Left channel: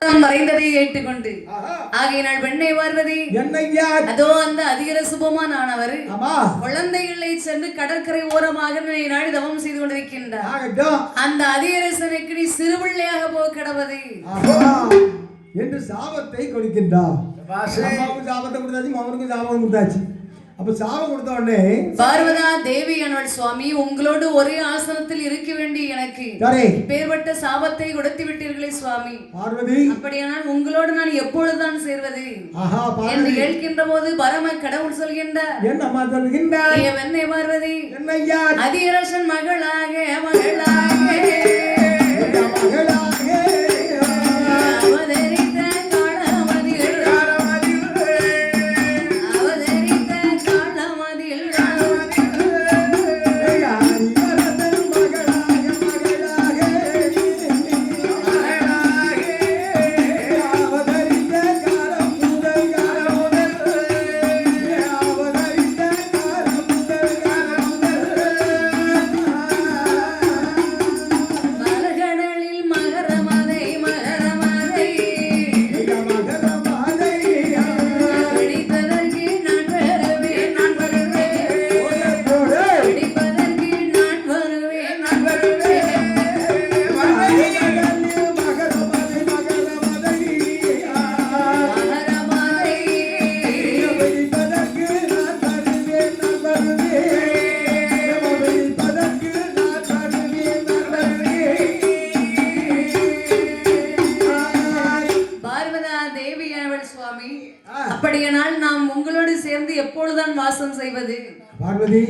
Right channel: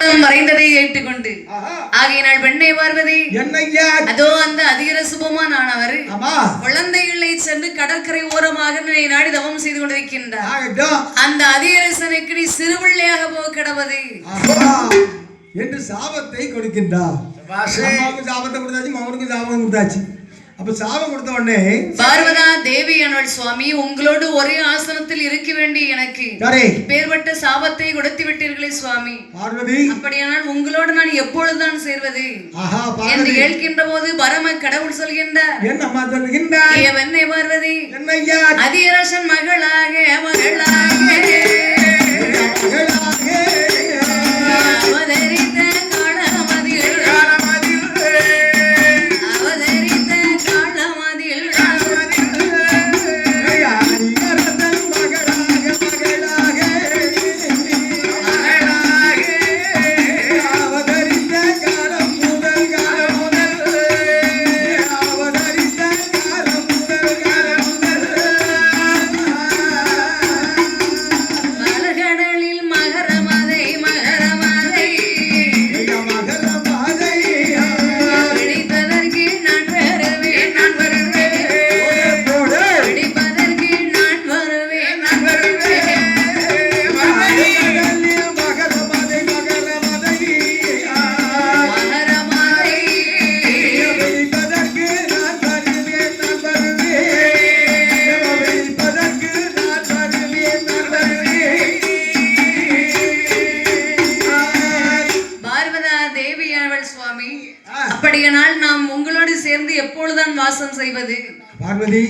மறைந்ததை ஏற்றுக்கொண்டு ஆகையினால் பெண்ணை பார்வதி அதோ அந்த அதிகர சுபமான ஆனவர் குழந்தைகளை சென்று கடற்கரை ஓரமாக நாடி தவம் செய்து கொண்டிருக்கின்றார். அந்த அதிகரசனுக்கு நீ சிறுபிள்ளையாக போக கிடவது என்று சாபத்தை கொடுக்கின்றார். சாபத்தை கொடுத்தாச்சு, மகனுக்கு சாபம் கொடுத்தாச்சு. அப்ப சாபம் கொடுத்த உடனே பார்வதா தேவி என்னோட சுவாமி உங்களோடு ஒரே ஆசனத்தில் இருக்க வேண்டிய எனக்கு பேர்பட்ட சாபத்தை கொடுத்து விட்டீர்களே சுவாமி பார்வதி, அப்படியானால் உங்களோடு நான் எப்பொழுதுதான் சேர்வது என்று கேட்கின்ற போது பரம கடவுள் சொல்கின்றார். என்னம்மா சொல்கின்றார்? என்னை பார்வதி என்னையா அதிரசன் மகளாக மகளாக அப்படியானால் நாம் உங்களோடு சேர்ந்து எப்பொழுதுதான் வாசம் செய்வது? பார்வதி,